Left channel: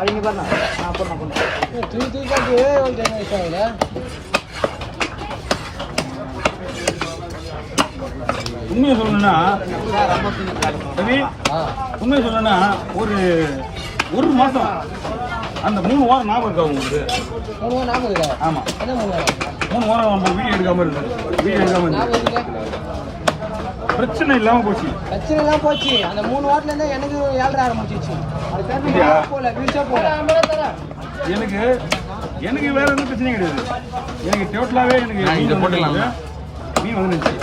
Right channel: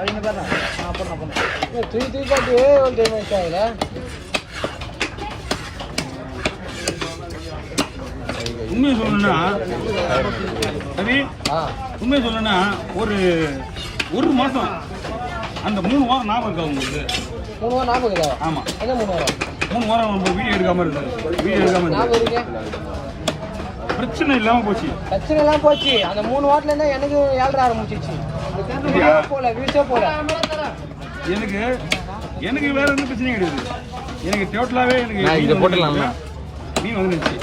அவங்க பாருங்க நான் பண்ண தூக்கி காட்டி உண்மையை சொல்லணும்னா சரி, உண்மையை சொல்லணும்னா ஒரு மாசம் அந்த 3 வாரம் ஞாபகம் இருக்கா உங்களுக்கு? 3 வாரம் ஞாபகம் இருக்கா? ஆமா, 3 வாரம் நம்ம வீடியோ எடுக்காம இருக்கு. பிரச்சனை இல்லாம போச்சு. அந்த 3 வாரத்துல இருந்தா எனக்கு 7 ஆரம்பிச்சிச்சு. எனக்கு வேற எந்த பிரச்சனையும் கிடையாது. எனக்கு டோட்டலாவே எனக்கு மீன் வந்துருந்துச்சு.